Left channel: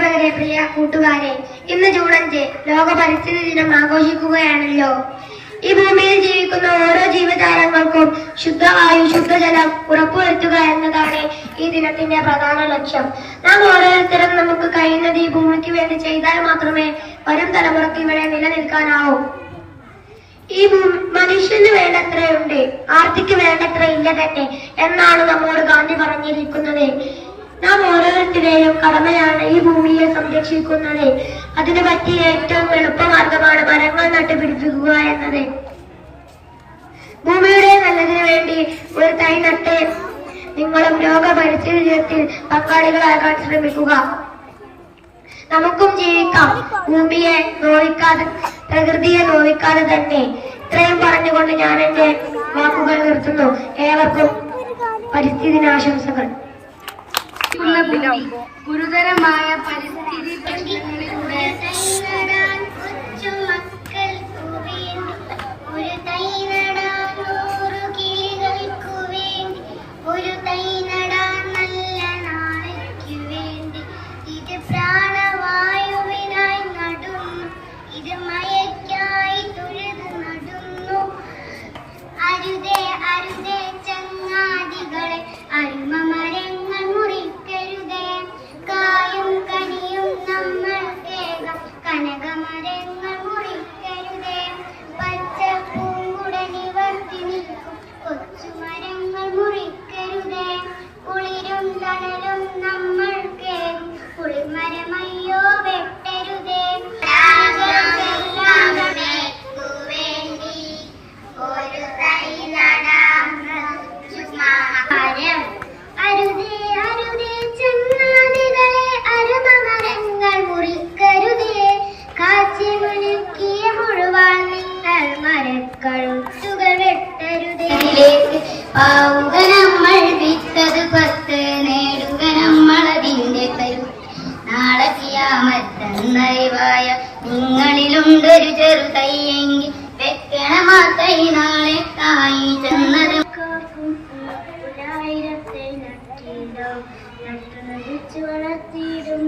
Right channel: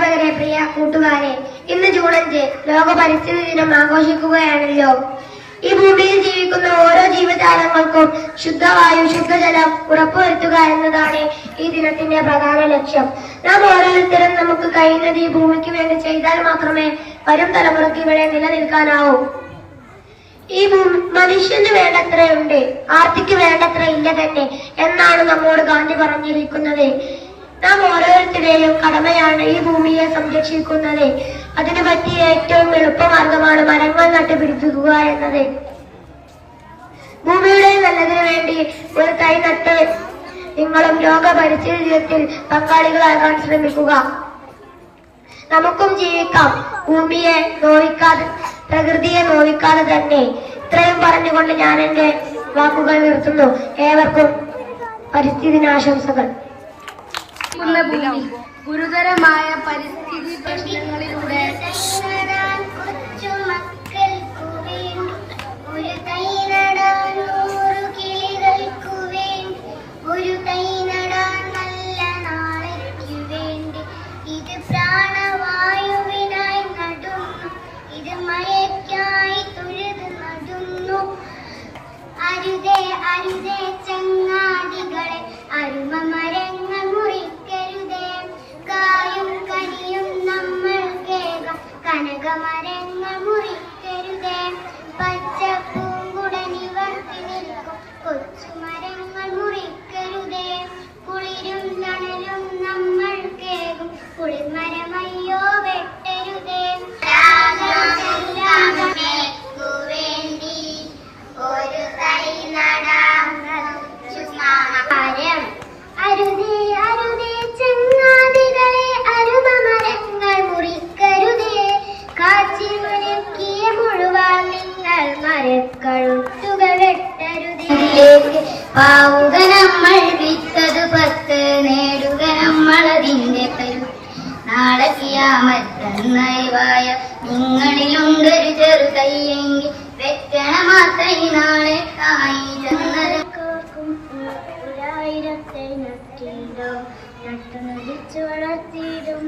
അധ്യാപകരെ പ്രിയ കൂട്ടുകാരെ ഇന്ന് ജൂൺ അഞ്ച് ലോക പരിസ്ഥിതി ദിനം ആഘോഷിക്കുകയാണല്ലോ. ഈ ഭൂമിയിൽ ജീവിക്കുന്ന ഓരോ ജീവജാലങ്ങൾക്കും ശുദ്ധവായു ശുദ്ധജലം ഉറപ്പുവരുത്തുക എന്നതാണ് ഈ ദിനത്തിന്റെ പ്രധാന ലക്ഷ്യം. നാം ഓരോരുത്തരും നമുക്ക് കഴിയുന്നത് ഈ ഭൂമിക്ക് വേണ്ടി ചെയ്താൽ മാത്രമേ വരും തലമുറയ്ക്ക് ഇവിടെ നിലനിൽക്കാനാവൂ. ഈ മനുഷ്യന് വേണ്ടത്രയുണ്ട് ആർത്തിക്ക് വേണ്ടത്ര ഇല്ല തന്നെ എന്നാണ് നമ്മോട് ഗാന്ധി പറഞ്ഞിരിക്കുന്നത്. നാം ഓരോരുത്തരുടെയും കടമയാണ് ഈ ഭൂമിയെ സംരക്ഷിക്കുന്നത്. അതിന് പറ്റിയ ഏറ്റവും എളുപ്പമാർഗമാണ് മരങ്ങൾ നട്ടുപിടിപ്പിക്കുക എന്നത്. ഭൂമിയുടെ നല്ലതിനു വേണ്ടി ഒരു തൈ നട്ട് നിങ്ങളും ദിനത്തിൽ പങ്കാളികളാകാൻ ശ്രമിക്കുക. നമുക്കും ജീവിക്കാം. ഭൂമിയെ നോവിക്കാതെ പ്രകൃതിയെ നോവിക്കാതെ തന്നെ. ഇത്രയും പറഞ്ഞുകൊണ്ട് ഞാൻ എന്റെ വാക്കുകൾ നിർത്തുന്നു. ഏവർക്കും പരിസ്ഥിതി ദിനാശംസകൾ ഗുരുതരമായ പരിസ്ഥിതി പ്രശ്നങ്ങളിലൂടെ അരുതേ അരുതേ ചങ്ങാതികളെ നൂറു കനകമരങ്ങൾ മുറിക്കരുതേ. പച്ചപ്പൂങ്കുടനിവർത്തി നിൽക്കും. കൊച്ചുമരങ്ങൾ മുറിക്കരുതേ. കുളിരും തണലും നമ്മൾ കേകും. കുളിർമരമയ്യോ വെട്ടരുതേ. വേണ്ടി ഒരു തൈ നടാം മരക്കഴുത്തുകൾ വെട്ടരുതേ പാവുക നമ്മൾ വിത്തത് പത്ത് നേടുക നമ്മൾ അതിന്റെ കരു. നാളെ കിയാമത്തന്നറിവായ നിങ്ങളിലുണ്ടൊരു ചെറുതയ്യെങ്കിൽ വെക്കണം തൈ നാളെ തായി ചെന്നത്. നട്ടുനടിച്ചു വളർത്തിയിടും